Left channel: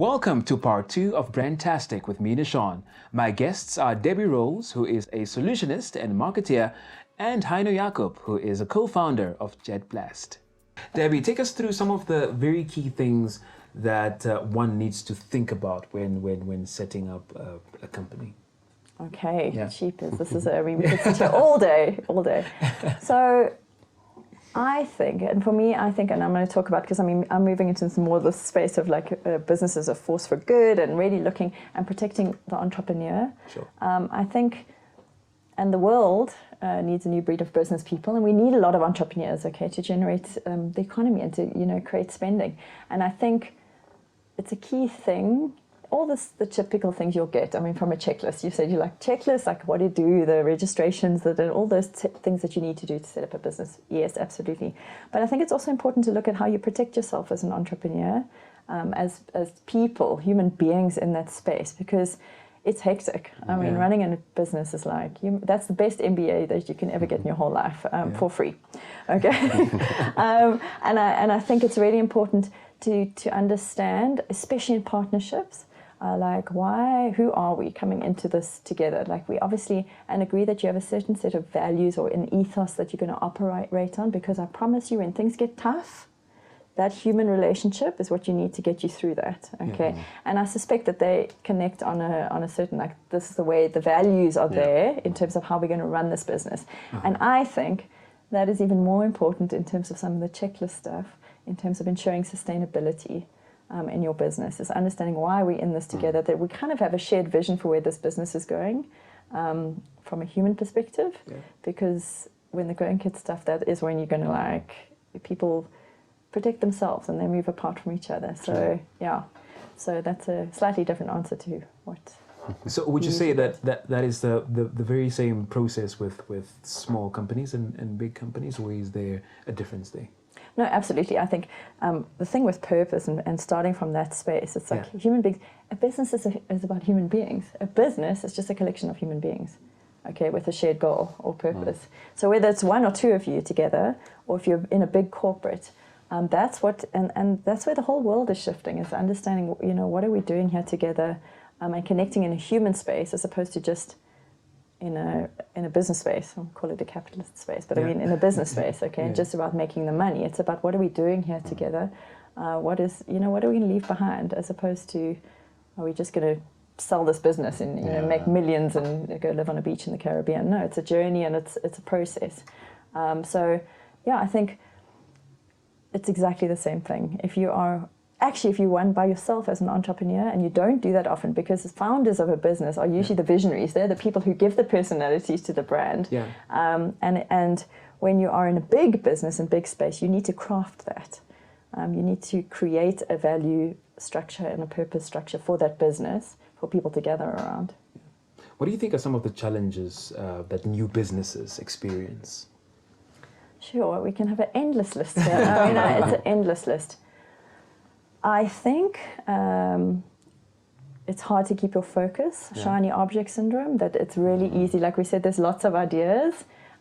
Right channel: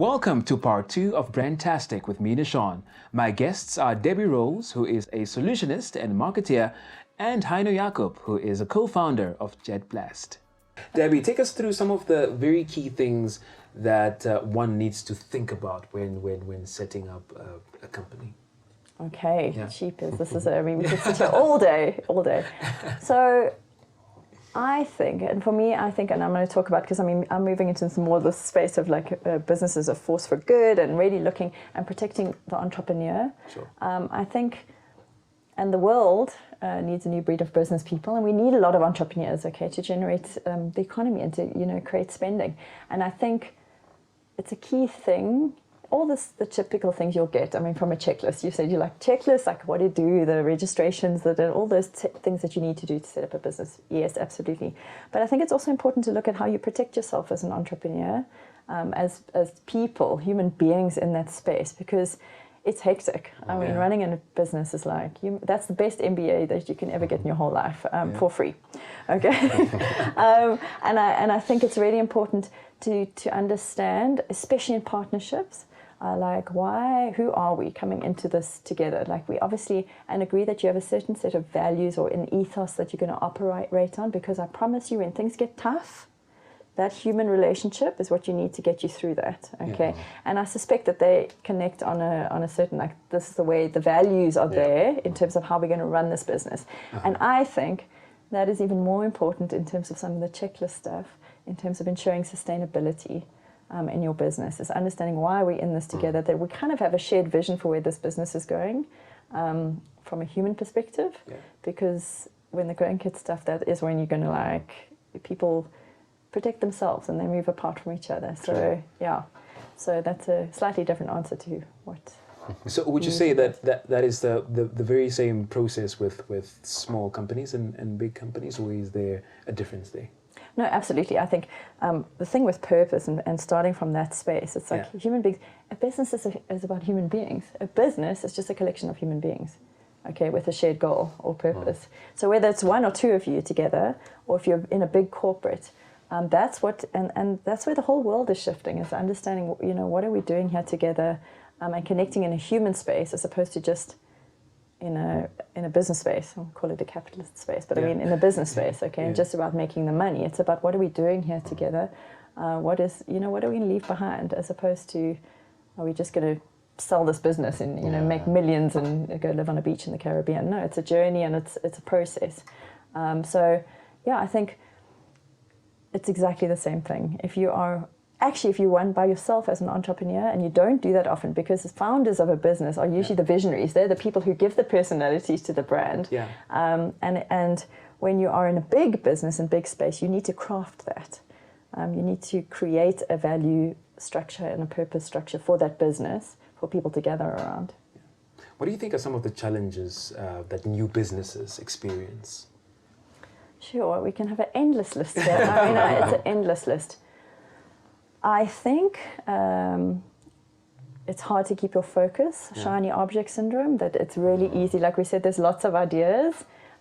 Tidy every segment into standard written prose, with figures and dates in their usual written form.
Welcome to part 2 of Tastic with me, Nashawn. My guests are Debbie Rowls, who is a solutionist and marketeer, and Heino Jakob, who is a co-founder of JetBlast. Debbie, take us through some of the very key things that one needs to think about when setting up a company. Okay, Yeah. cheapers. This is all day. So I think, and for me, and I'm going to talk about, because I'm moving into more of the space of like business as a force for good and really looking and protecting the entrepreneur. Sure. I think, and the world needs a new breed of business people, and we need a lot of entrepreneurs, okay, to generate the economy and to create spending. And I think it's a key thing. All the typical things you'll get, from a checklist. You said you like checklists, like what do you do, the registrations, all those things that you need to do to set up a business. Yes, absolutely. But I think it's also important to look at how you protect yourself as an entrepreneur, as people, human beings in that space, because it's hectic. Running a business is like, that's the best MBA that you can ever get in your whole life, for free. Okay. And I think it's really important to understand, especially in partnerships, who are we coming into this together? Like, we obviously, and agree that you have a certain set of values or an ethos that you're going to operate on, because I promise you, when things get tough, that human relationship is what you need to get you through that. Okay. Yeah. And I suspect that they connect on a certain, like, this is the way the values are there in terms of how we're going to run this business. And I think that is even more important in terms of some of the checklist stuff, in terms of ensuring sustainability in your business, is understanding why we're in this together, that we kind of have a shared vision for where this business is going, from a human perspective, because when the going gets tough, that is when you're going to people protect themselves and they move apart from each other. So so that's a slightly different answer to what. So would you say that is the very same process with small companies and big companies, or is there a difference there? No, absolutely. I think the thing with purpose and starting from that space, it's like human beings. A business is about human beings. A business is just a collection of human beings, okay, with a shared goal or purpose. So whether it's one or two of you together, or if you're in a big corporate, that's what, and that's where the whole world is shifting, is understanding, what are we doing here together, and connecting in a human space as opposed to just in a business space. I'll call it a capitalist space, but in a business space, okay, just about making the money. It's about what are we doing here together, what are we going to leave behind, as opposed to, are we just going to sell this business and make millions and go live on a beach in the Caribbean? No, it's a journey and it's a process. I think it's exactly the same thing. If you run by yourself as an entrepreneur, and you don't do that often, because the founders of a business are usually the visionaries. They're the people who give the personalities to the brand. Yeah. And when you are in a big business and big space, you need to craft that. You need to create a value structure and a purpose structure for that business, for people to gather around. Yeah. What do you think are some of the challenges that new businesses experience? Sure, we can have an endless list. An endless list. I think it's hard to keep your focus, shiny object syndrome, that it's really easy. Like we said, there's lots of ideas.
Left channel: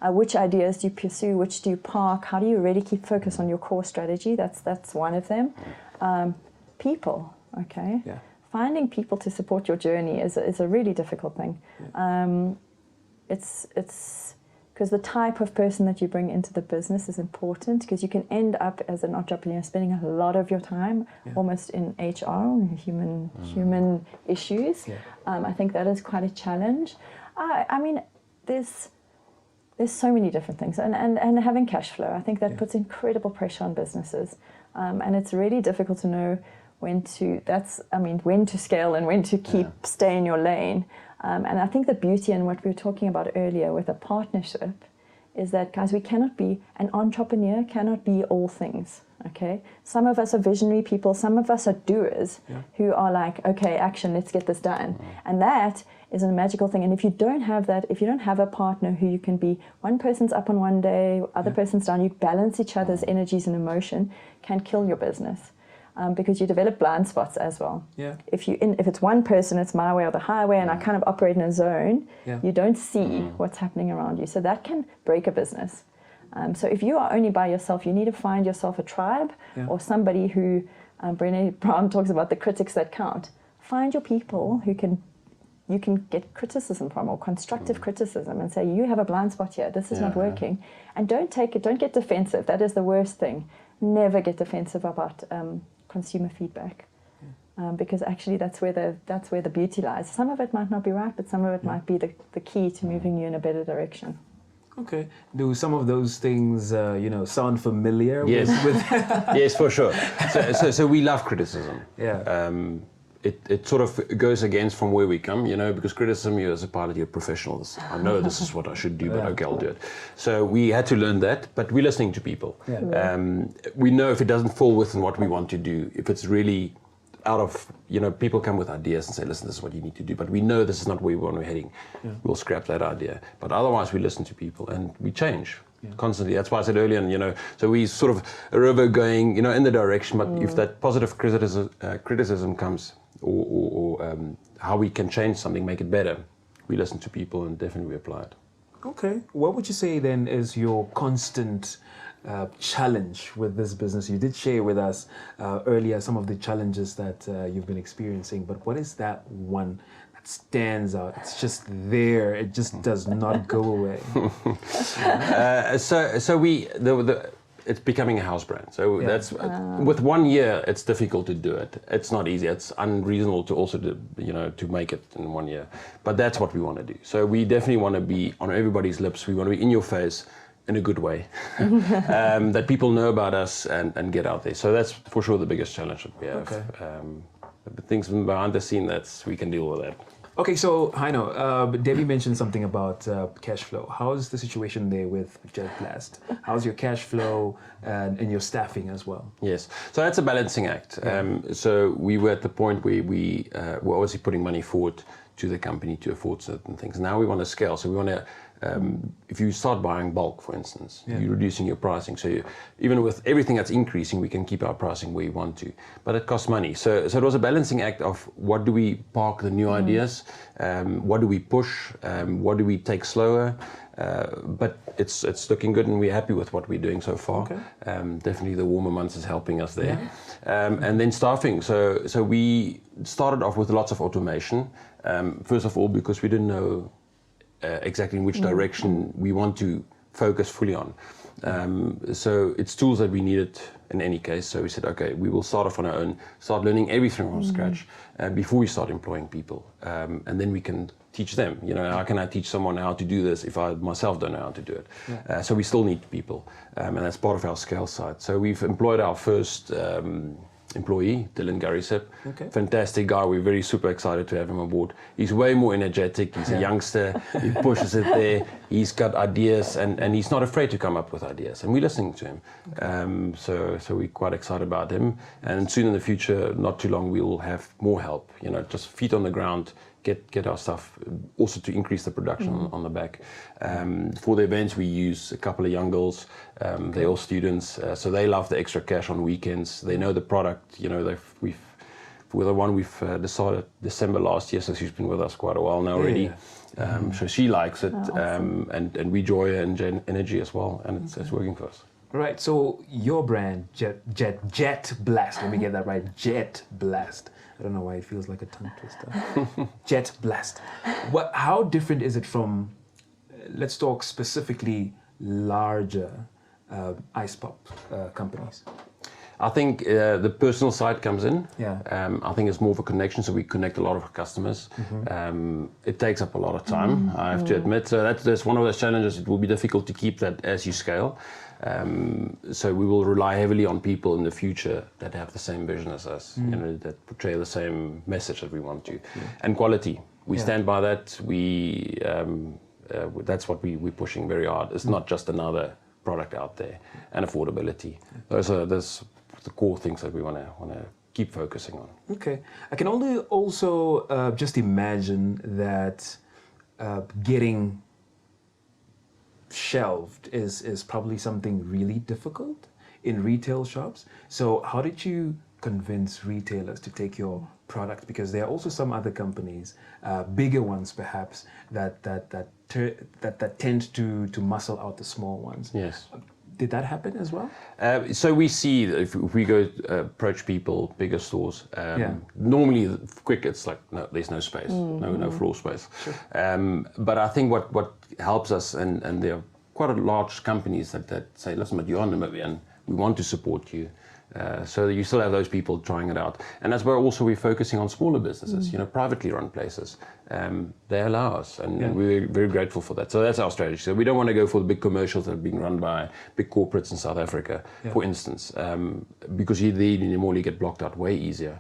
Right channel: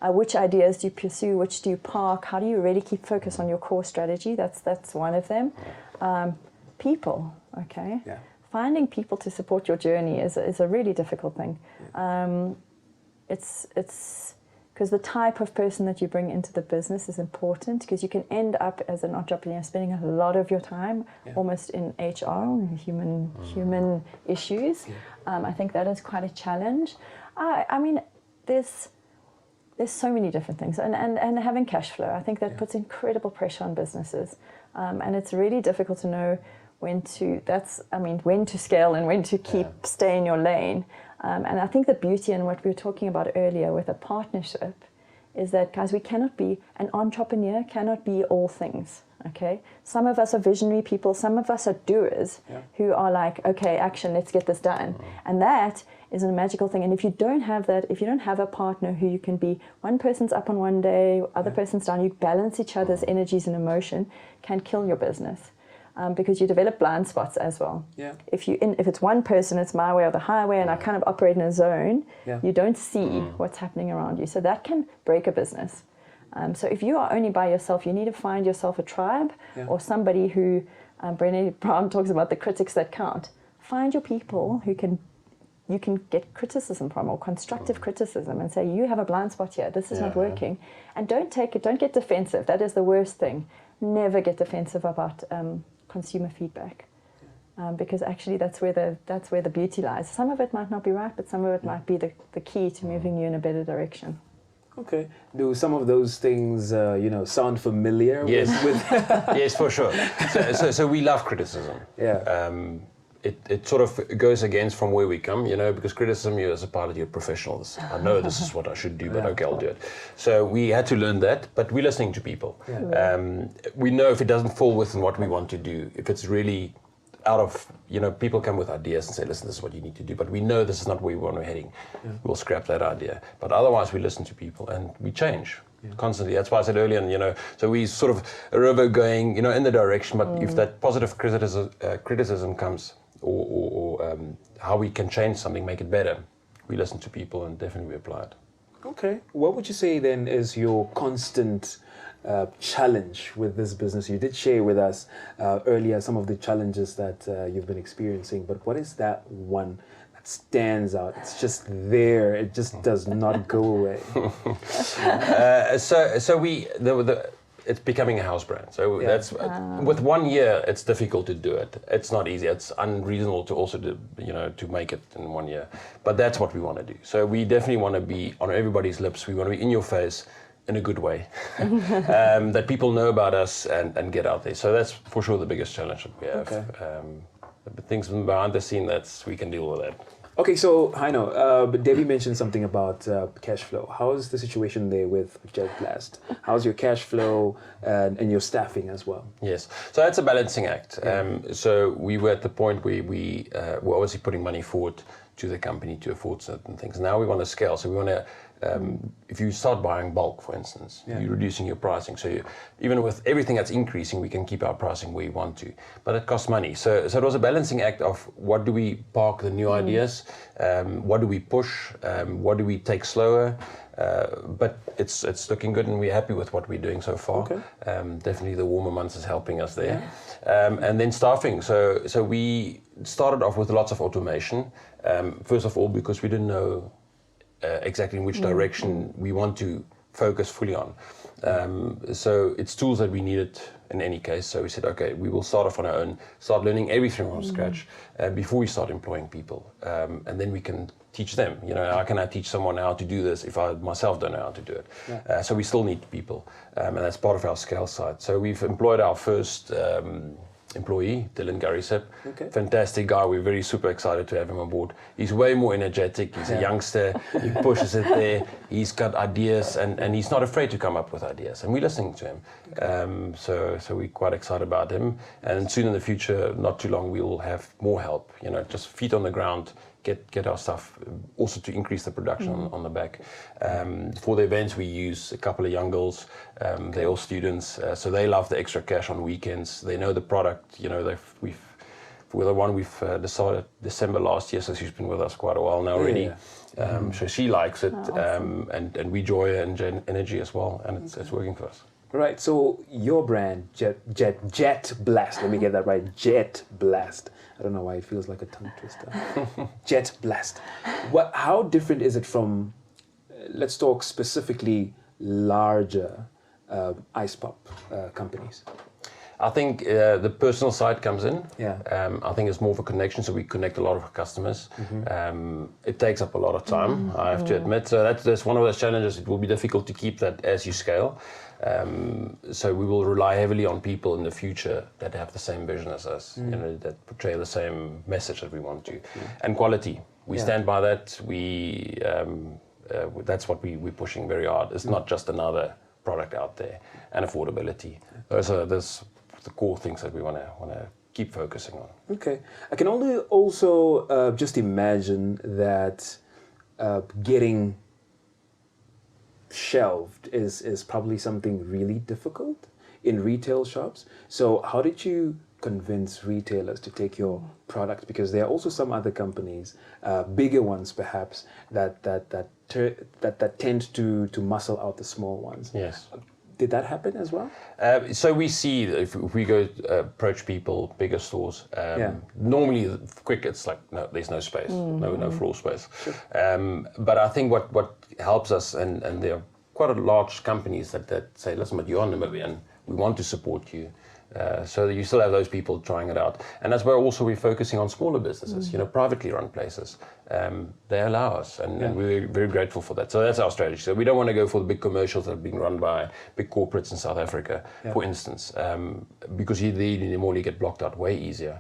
Which ideas do you pursue? Which do you park? How do you really keep focus on your core strategy? That's one of them. People, okay? Yeah. Finding people to support your journey is a really difficult thing. Yeah. It's because the type of person that you bring into the business is important, because you can end up as an entrepreneur spending a lot of your time almost in HR, human issues. Yeah. I think that is quite a challenge. There's so many different things, and having cash flow, I think that puts incredible pressure on businesses, and it's really difficult to know when to scale and when to stay in your lane. And I think the beauty in what we were talking about earlier with a partnership is that, guys, an entrepreneur cannot be all things, okay? Some of us are visionary people, some of us are doers who are like, okay, action, let's get this done. And that is a magical thing. And if you don't have that, if you don't have a partner who you can be, one person's up on one day, other person's down, you balance each other's energies and emotion, can kill your business. Because you develop blind spots as well. Yeah. If it's one person, it's my way or the highway, and I kind of operate in a zone. Yeah. You don't see what's happening around you, so that can break a business. So if you are only by yourself, you need to find yourself a tribe or somebody who Brené Brown talks about the critics that count. Find your people who you can get criticism from, or constructive criticism, and say, you have a blind spot here, this is not working. And don't get defensive. That is the worst thing. Never get defensive about consumer feedback. Because actually that's where the beauty lies. Some of it might not be right, but some of it might be the key to moving you in a better direction. Okay. Do some of those things, sound familiar? Yes. With Yes, for sure. So we love criticism. Yeah. It sort of goes against from where we come, because criticism, you as a pilot, you're professionals. I know this is what I should do, but okay, I'll do it. So we had to learn that, but we're listening to people. Yeah. We know if it doesn't fall within what we want to do, if it's really out of, people come with ideas and say, listen, this is what you need to do, but we know this is not where we're heading. Yeah. We'll scrap that idea. But otherwise, we listen to people and we change constantly. That's why I said earlier, so we sort of a river going, in the direction, but if that positive criticism comes, or how we can change something, make it better, we listen to people and definitely apply it. Okay. What would you say then is your constant challenge with this business? You did share with us earlier some of the challenges that you've been experiencing, but what is that one that stands out? It's just there. It just does not go away. It's becoming a house brand. So that's with 1 year, it's difficult to do it. It's not easy. It's unreasonable to also to make it in 1 year. But that's what we want to do. So we definitely want to be on everybody's lips. We want to be in your face in a good way, that people know about us and get out there. So that's for sure the biggest challenge that we have. Okay. But things behind the scene, we can deal with that. Okay, so Heino, Debbie mentioned something about cash flow. How is the situation there with Jet Blast? How's your cash flow and your staffing as well? Yes, so that's a balancing act. So we were at the point where we were obviously putting money forward to the company to afford certain things. Now we want to scale, so we want to, if you start buying bulk, for instance, you're reducing your pricing. So even with everything that's increasing, we can keep our pricing where we want to, but it costs money. So it was a balancing act of what do we park the new ideas, what do we push, what do we take slower, but it's looking good and we're happy with what we're doing so far. Okay. Definitely the warmer months is helping us there. And then staffing. So we started off with lots of automation, first of all because we didn't know exactly in which direction we want to focus fully on. So it's tools that we needed in any case. So we said, okay, we will start off on our own, start learning everything from scratch before we start employing people. And then we can teach them. How can I teach someone how to do this if I myself don't know how to do it? So we still need people. And that's part of our scale side. So we've employed our first employee, Dylan Garisep. Okay. Fantastic guy. We're very super excited to have him on board. He's way more energetic. He's a youngster. He pushes it there. He's got ideas and he's not afraid to come up with ideas. And we're listening to him. Okay. So we're quite excited about him. And soon in the future, not too long, we'll have more help. Just feet on the ground. Get our stuff, also to increase the production on the back. For the events, we use a couple of young girls. They're all students, so they love the extra cash on weekends. They know the product. With the one we've decided December last year, so she's been with us quite a while now already. So she likes it, and we enjoy her and energy as well, and it's working for us. Right. So your brand, Jet Blast. Let me get that right. Jet Blast. I don't know why it feels like a tongue twister. Jet Blast. How different is it from, let's talk specifically larger ice pop companies? I think the personal side comes in. Yeah. I think it's more of a connection, so we connect a lot of our customers. It takes up a lot of time, I have to admit. So that's one of those challenges. It will be difficult to keep that as you scale. So we will rely heavily on people in the future that have the same vision as us, that portray the same message that we want to. And quality. We stand by that. That's what we're pushing very hard. It's not just another product out there, and affordability. Those are the core things that we want to keep focusing on. Okay. I can only also just imagine that getting shelved is probably something really difficult in retail shops. So how did you convince retailers to take your product? Because there are also some other companies, bigger ones perhaps, that tend to muscle out the small ones. Yes. Did that happen as well? So we see that if we go approach people, bigger stores, normally quick it's like, no, there's no space, no floor space. Sure. But I think what helps us, and there are quite a large companies that say, listen, but you're Namibian, we want to support you. So that you still have those people trying it out. And that's where also we're focusing on smaller businesses, privately run places. They allow us, and we're very grateful for that. So that's our strategy. So we don't want to go for the big commercials that are being run by big corporates in South Africa, for instance, because you normally get blocked out way easier.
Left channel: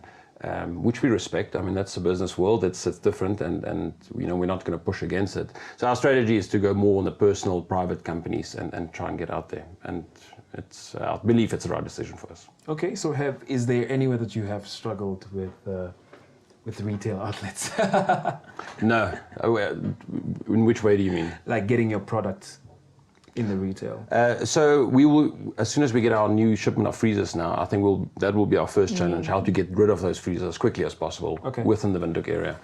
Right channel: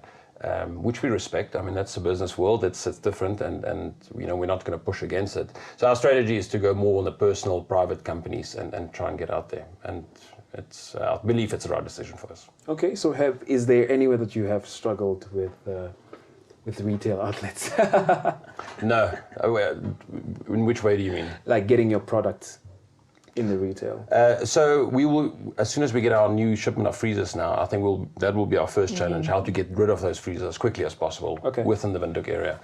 Which we respect. I mean, that's the business world. It's different, and we're not going to push against it. So our strategy is to go more on the personal, private companies and try and get out there. And I believe it's the right decision for us. Okay, so is there anywhere that you have struggled with retail outlets? No. In which way do you mean? Like getting your products in the retail. So we will, as soon as we get our new shipment of freezers now, I think that will be our first challenge, how to get rid of those freezers as quickly as possible within the Windhoek area.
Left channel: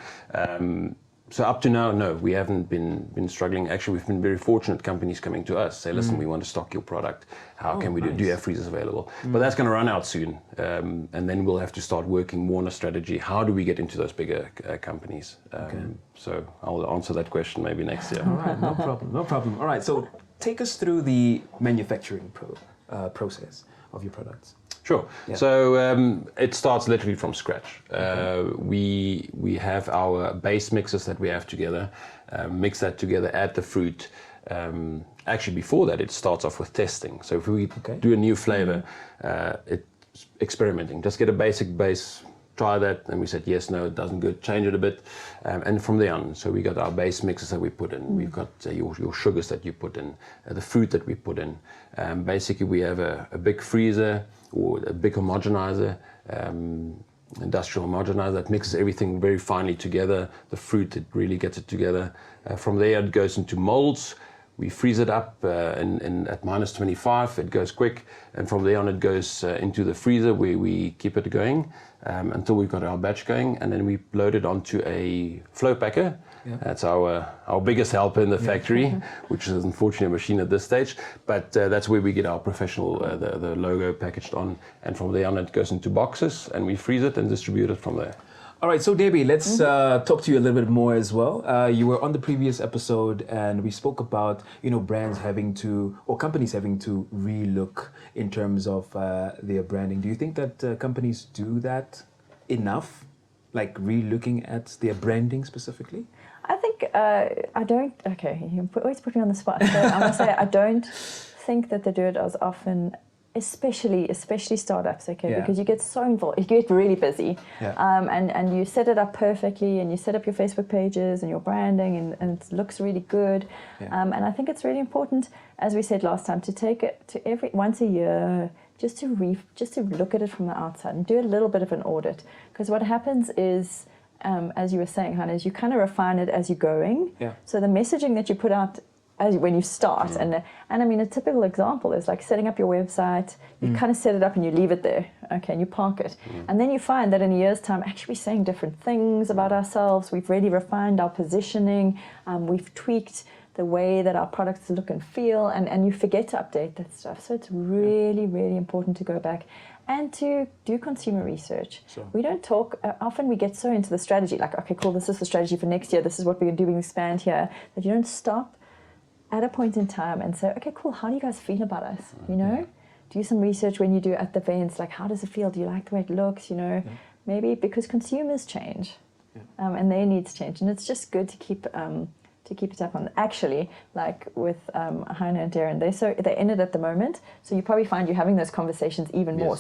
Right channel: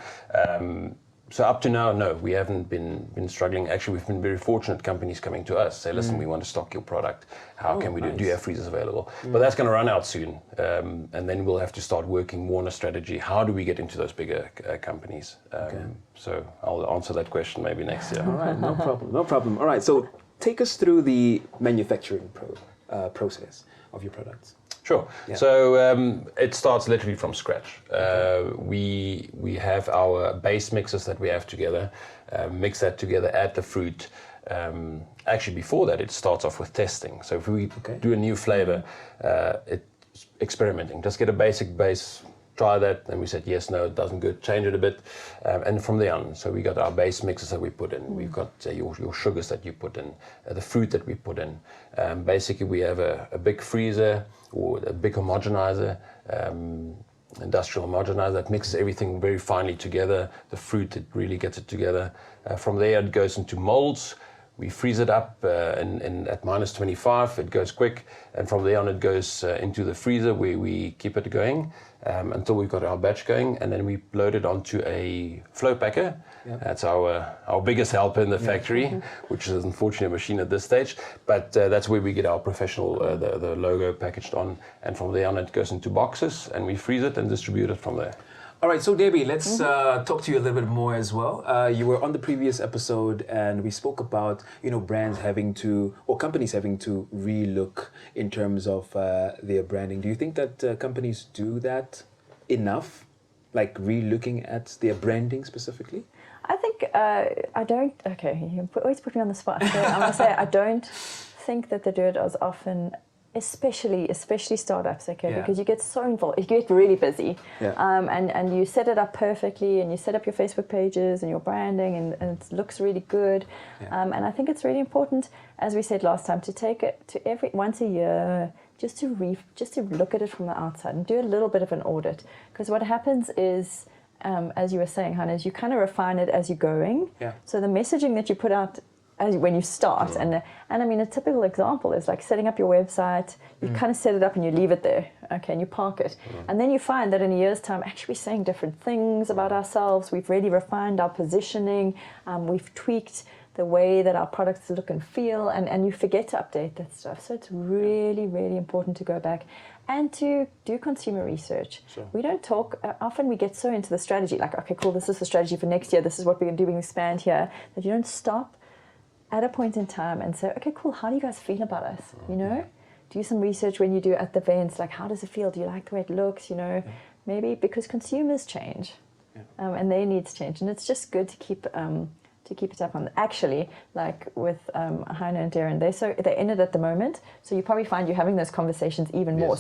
So up to now, no, we haven't been struggling. Actually, we've been very fortunate, companies coming to us, say, listen, we want to stock your product. How can we do you have freezers available? But that's going to run out soon. And then we'll have to start working more on a strategy. How do we get into those bigger companies? So I'll answer that question maybe next year. All right, no problem. All right, so take us through the manufacturing process of your products. Sure. Yeah. So it starts literally from scratch. We have our base mixes that we have together, mix that together, add the fruit. Actually, before that, it starts off with testing. So if we do a new flavor, it's experimenting. Just get a basic base, try that, and we said yes, no, it doesn't good, change it a bit, and from there on. So we got our base mixes that we put in. We've got your sugars that you put in, the fruit that we put in. Basically, we have a big freezer or a big homogenizer, industrial homogenizer that mixes everything very finely together. The fruit, it really gets it together. From there, it goes into molds. We freeze it up at -25. It goes quick, and from there on, it goes into the freezer where we keep it going until we've got our batch going, and then we load it onto a flow packer. Yep. That's our biggest helper in the factory, which is unfortunately a machine at this stage. But that's where we get our professional the logo packaged on, and from there on, it goes into boxes, and we freeze it and distribute it from there. All right, so Debbie, let's talk to you a little bit more as well. You were on the previous episode, and we spoke about brands having to, or companies having to relook in terms of their branding. Do you think that companies do that enough, like relooking at their branding specifically? I think I don't. Okay, you always put me on the spot. I don't think that they do it as often. Especially startups, because you get so involved, you get really busy, and you set it up perfectly, and you set up your Facebook pages and your branding, and it looks really good, and I think it's really important, as we said last time, to take it to once a year, just to look at it from the outside and do a little bit of an audit, because what happens is, as you were saying, Heino, is you kind of refine it as you're going. So the messaging that you put out when you start, and I mean, a typical example is like setting up your website. You kind of set it up and you leave it there, and you park it, and then you find that in a year's time, actually we're saying different things about ourselves. We've really refined our positioning. We've tweaked the way that our products look and feel, and you forget to update that stuff. So it's really, really important to go back and to do consumer research. Sure. We don't talk, often we get so into the strategy, like, okay, cool, this is the strategy for next year, this is what we're going to do, we expand here, but you don't stop at a point in time and say, okay, cool, how do you guys feel about us? Do some research when you do at the events, like, how does it feel? Do you like the way it looks? Maybe because consumers change, and their needs change, and it's just good to keep it up on. Actually, like with Heino and Darren, they're in it at the moment, so you probably find you're having those conversations even more.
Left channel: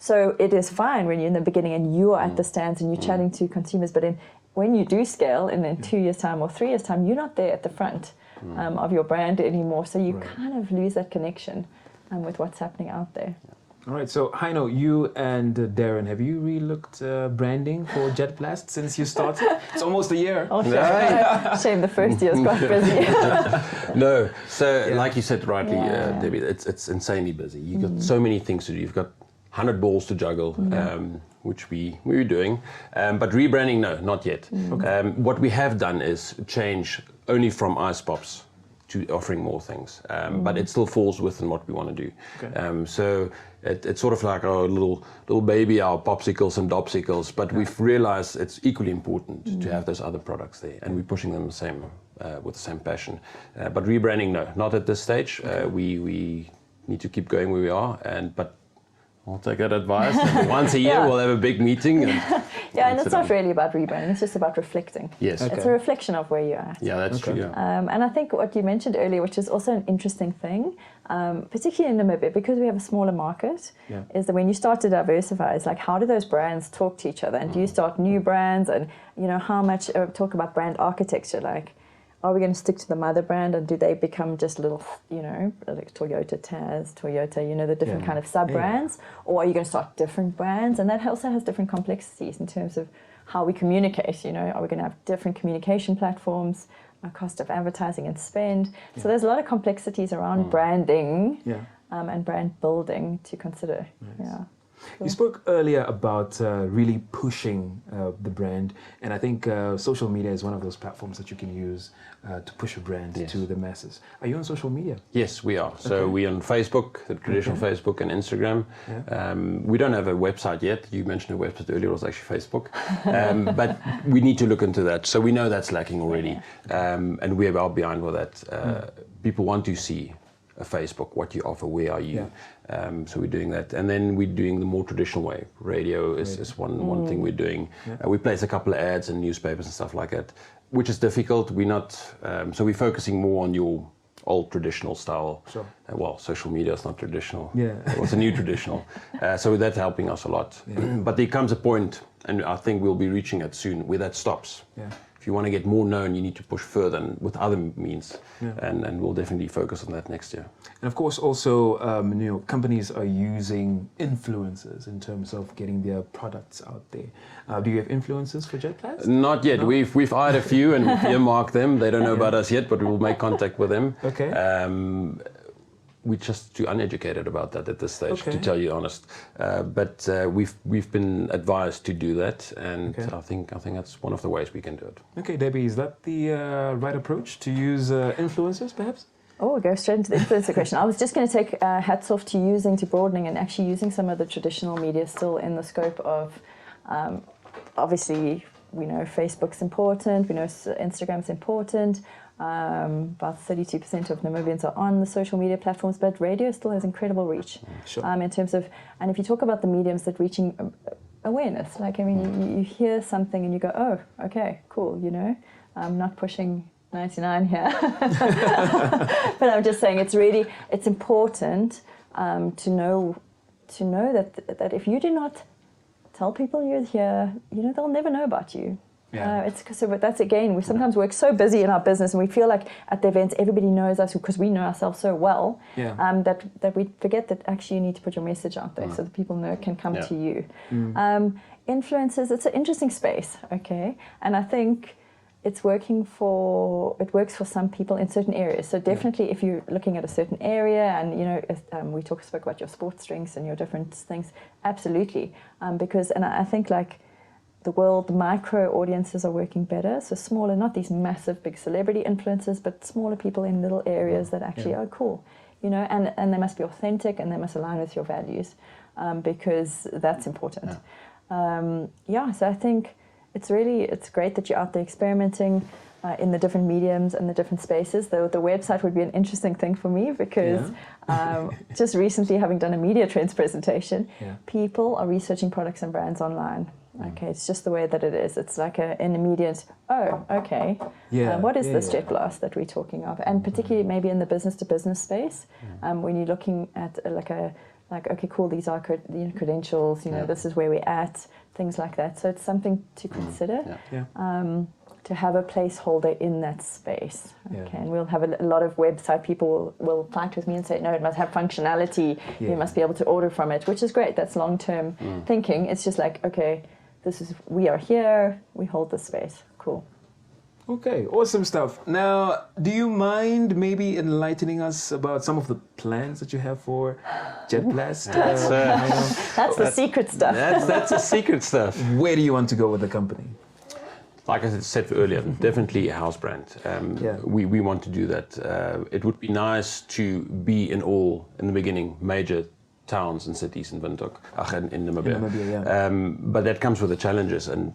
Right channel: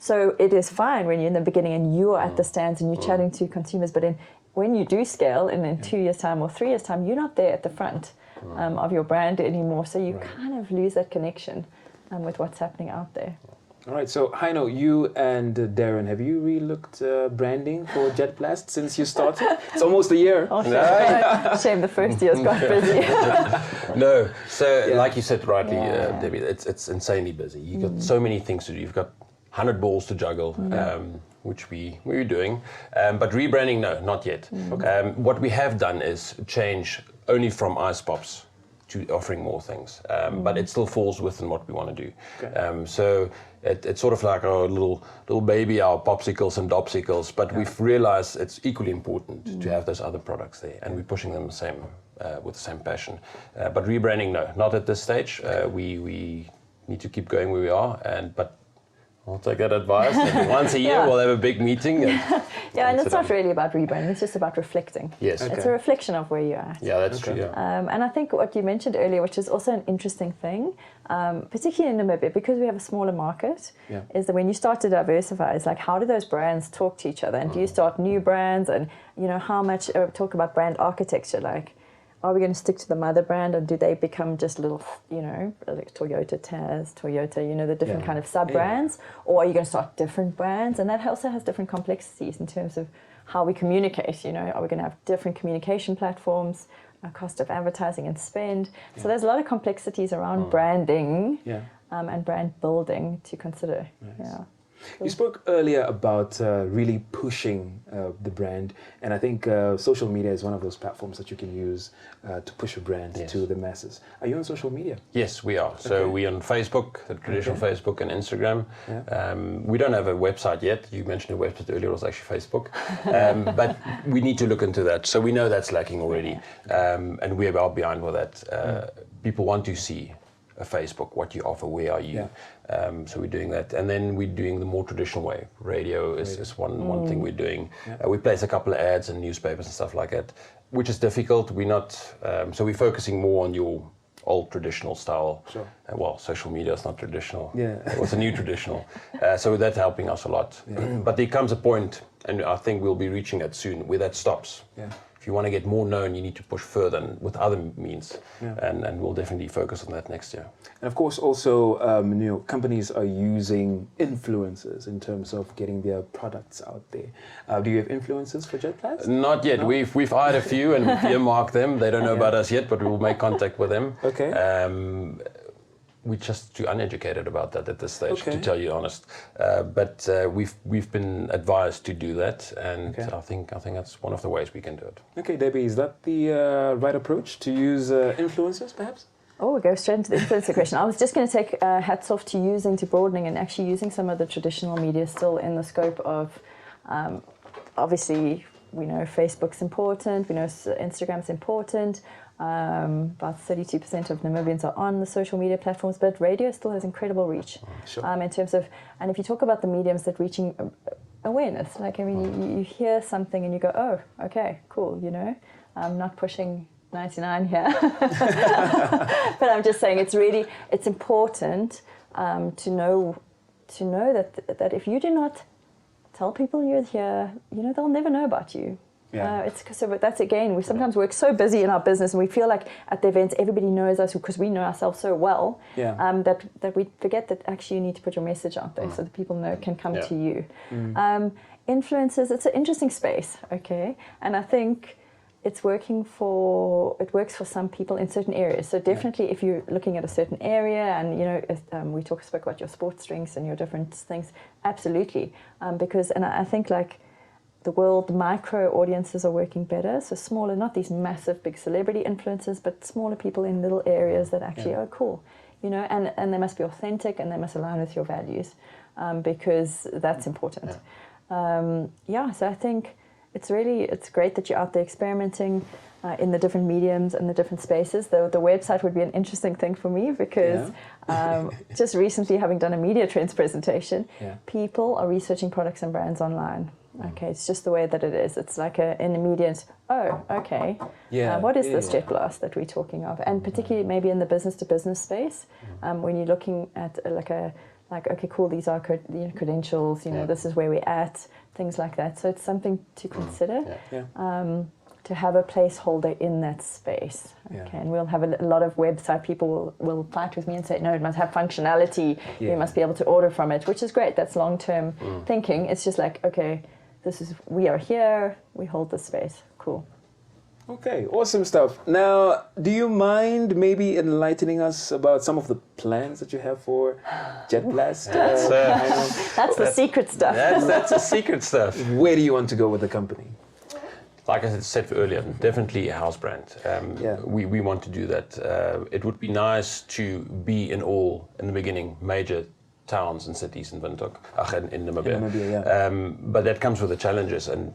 So it is fine when you're in the beginning and you are at the stands and you're chatting to consumers, but when you do scale in 2 years' time or 3 years' time, you're not there at the front of your brand anymore, so you kind of lose that connection with what's happening out there. All right, so Heino, you and Darren, have you relooked branding for Jet Blast since you started? It's almost a year. Shame the first year. No, so like you said rightly, Debbie, it's insanely busy. You've got so many things to do. You've got 100 balls to juggle, which we were doing. But rebranding, no, not yet. What we have done is change only from ice pops to offering more things, but it still falls within what we want to do. Okay. So it's sort of like our little baby, our popsicles and dopsicles, but we've realized it's equally important to have those other products there, and we're pushing them the same with the same passion. But rebranding, no, not at this stage. We need to keep going where we are, but I'll take that advice. And once a year, we'll have a big meeting and. Yeah, and it's not really about rebranding, it's just about reflecting. Yes. It's a reflection of where you are. Yeah, that's true. Yeah. And I think what you mentioned earlier, which is also an interesting thing, particularly in Namibia, because we have a smaller market, is that when you start to diversify, it's like, how do those brands talk to each other? And do you start new brands? And, how much talk about brand architecture, like, are we going to stick to the mother brand, or do they become just little, like Toyota Taz, Toyota, the different kind of sub-brands? Or are you going to start different brands? And that also has different complexities in terms of how we communicate, are we going to have different communication platforms, cost of advertising and spend? So there's a lot of complexities around branding and brand building to consider. Nice. You spoke earlier about really pushing the brand, and I think social media is one of those platforms that you can use to push a brand to the masses. Are you on social media? Yes, we are. So we're on Facebook, the traditional Facebook and Instagram. We don't have a website yet. You mentioned a website earlier, it was actually Facebook. But we need to look into that. So we know that's lacking already, and we are behind with that. People want to see a Facebook, what you offer, where are you? So we're doing that, and then we're doing the more traditional way. Radio is one thing we're doing. We place a couple of ads in newspapers and stuff like that, which is difficult. We're not, so we're focusing more on your old traditional style. Sure. Well, social media is not traditional. It was a new traditional. So that's helping us a lot. But there comes a point, and I think we'll be reaching it soon, where that stops. If you want to get more known, you need to push further and with other means, and we'll definitely focus on that next year. And of course, also, companies are using influencers in terms of getting their products out there. Do you have influencers for JetBlast? Not yet. No? We've hired a few and we've earmarked them. They don't know about us yet, but we will make contact with them. Okay. We're just too uneducated about that at this stage, to tell you honest. But we've been advised to do that, and I think that's one of the ways we can do it. Okay, Debbie, is that the right approach to use influencers, perhaps? Oh, we'll go straight into the influencer question. I was just going to take hats off to broadening and actually using some of the traditional media still in the scope of, obviously, we know Facebook's important, we know Instagram's important. About 32% of Namibians are on the social media platforms, but radio still has incredible reach. Sure. In terms of, and if you talk about the mediums that reaching awareness, like, I mean, you hear something and you go, oh, okay, cool, I'm not pushing 99 here. But I'm just saying it's important to know that if you do not tell people you're here, they'll never know about you. But that's again, we sometimes work so busy in our business and we feel like at the events everybody knows us because we know ourselves so well that we forget that actually you need to put your message out there so that people can come to you. Influencers, it's an interesting space, and I think it works for some people in certain areas. So definitely if you're looking at a certain area and we spoke about your sports drinks and your different things, absolutely, because I think like the world micro audiences are working better, so smaller, not these massive big celebrity influencers, but smaller people in little areas that actually are cool, and they must be authentic and they must align with your values, because that's important. So I think it's great that you're out there experimenting in the different mediums and the different spaces. The website would be an interesting thing for me because just recently having done a media trends presentation, people are researching products and brands online. It's just the way that it is. It's like an immediate, what is this JetBlast that we're talking of? And particularly maybe in the business-to-business space, when you're looking at okay, cool, these are credentials, this is where we're at, things like that. So it's something to consider, to have a placeholder in that space. And we'll have a lot of website people will fight with me and say, no, it must have functionality, you must be able to order from it, which is great. That's long-term thinking. It's just like, okay, we are here, we hold the space. Cool. Okay, awesome stuff. Now, do you mind maybe enlightening us about some of the plans that you have for JetBlast? That's the secret stuff. That's the secret stuff. Where do you want to go with the company? like I said earlier, definitely a house brand. We want to do that. It would be nice to be in the beginning, major towns and cities in Windhoek, in Namibia. But that comes with the challenges, and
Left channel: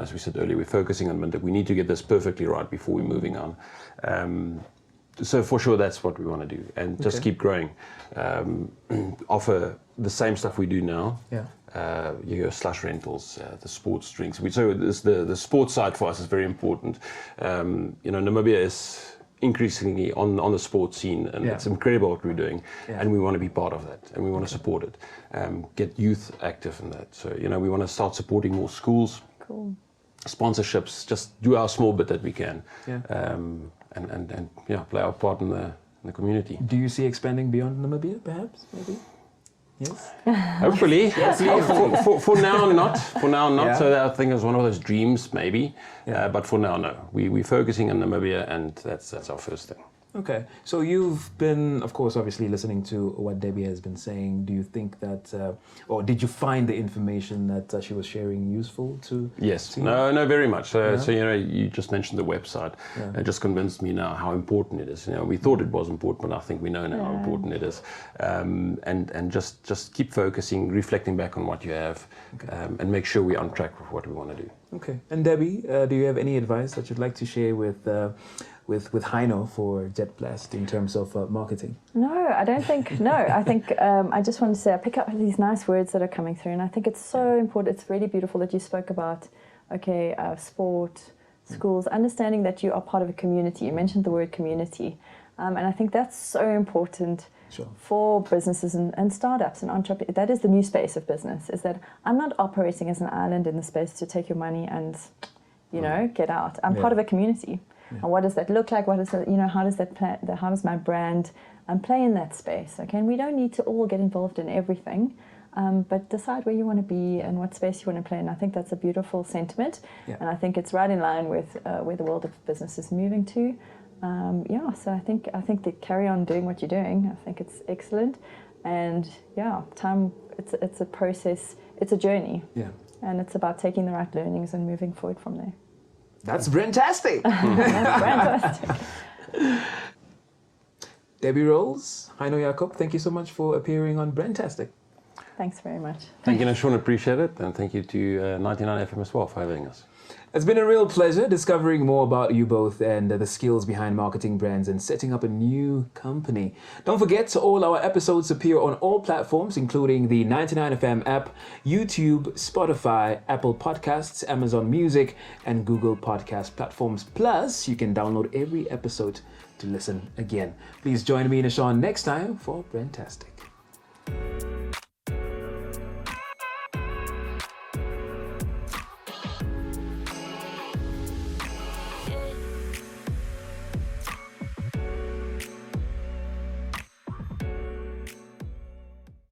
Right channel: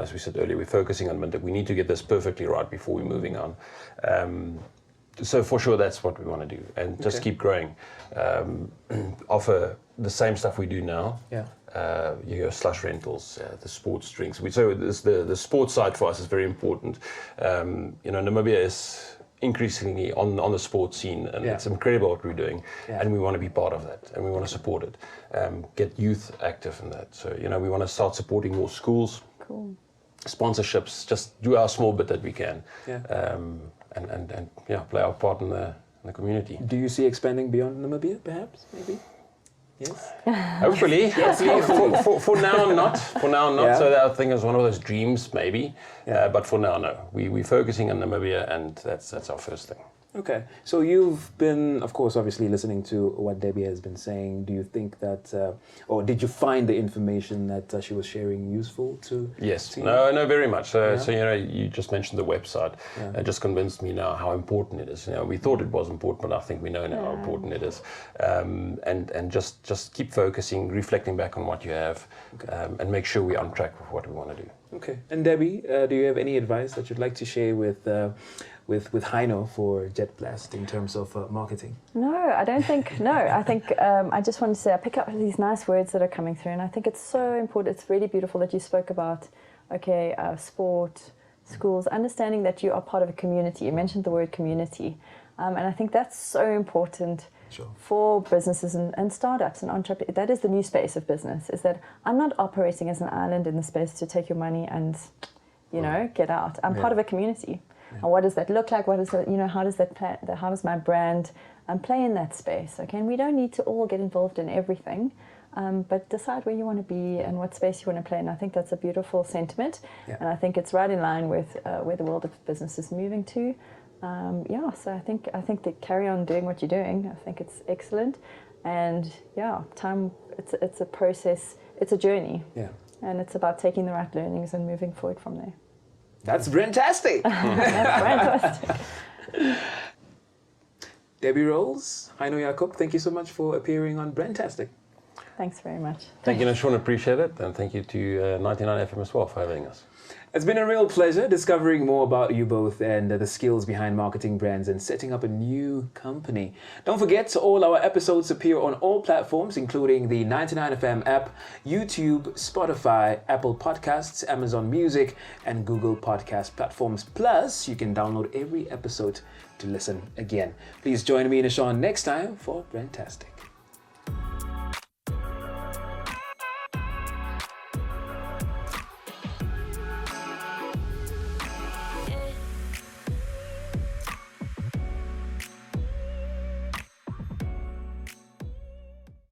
as we said earlier, we're focusing on Windhoek. We need to get this perfectly right before we're moving on. So for sure, that's what we want to do, and just keep growing. Offer the same stuff we do now. Slush rentals, the sports drinks. So the sports side for us is very important. Namibia is increasingly on the sports scene, and it's incredible what we're doing, and we want to be part of that, and we want to support it. Get youth active in that. So we want to start supporting more schools, sponsorships, just do our small bit that we can, and play our part in the community. Do you see expanding beyond Namibia, perhaps, maybe? Yes. Hopefully. For now, not. Yeah. So that, I think is one of those dreams, maybe. But for now, no. We're focusing on Namibia, and that's our first thing. Okay. So you've been, of course, obviously listening to what Debbie has been saying. Do you think that, or did you find the information that she was sharing useful to? Yes. No, very much. So you just mentioned the website. It just convinced me now how important it is. We thought it was important, but I think we know now how important it is. And just keep focusing, reflecting back on what you have, and make sure we're on track with what we want to do. Okay. And Debbie, do you have any advice that you'd like to share with Heino for Jet Blast in terms of marketing? No, I don't think. No, I think I just want to say I pick up these nice words that are coming through, and I think it's so important. It's really beautiful that you spoke about sport, schools, understanding that you are part of a community. You mentioned the word community, and I think that's so important. Sure. For businesses and startups and entrepreneurs. That is the new space of business, is that I'm not operating as an island in the space to take your money and get out. I'm part of a community. And what does that look like? What is it, how does how does my brand play in that space? Okay, and we don't need to all get involved in everything, but decide where you want to be and what space you want to play in. I think that's a beautiful sentiment, and I think it's right in line with where the world of business is moving to. So I think that carry on doing what you're doing. I think it's excellent, and time. It's a process. It's a journey. Yeah, and it's about taking the right learnings and moving forward from there. That's fantastic. Debbie Rowls, Heino Jakob, thank you so much for appearing on Brandtastic. Thanks very much. Thank you, Nashawn. Appreciate it, and thank you to 99 FM as well for having us. It's been a real pleasure discovering more about you both and the skills behind marketing brands and setting up a new company. Don't forget, all our episodes appear on all platforms, including the 99 FM app, YouTube, Spotify, Apple Podcasts, Amazon Music, and Google Podcast platforms. Plus, you can download every episode to listen again. Please join me, Nashawn, next time for Brandtastic.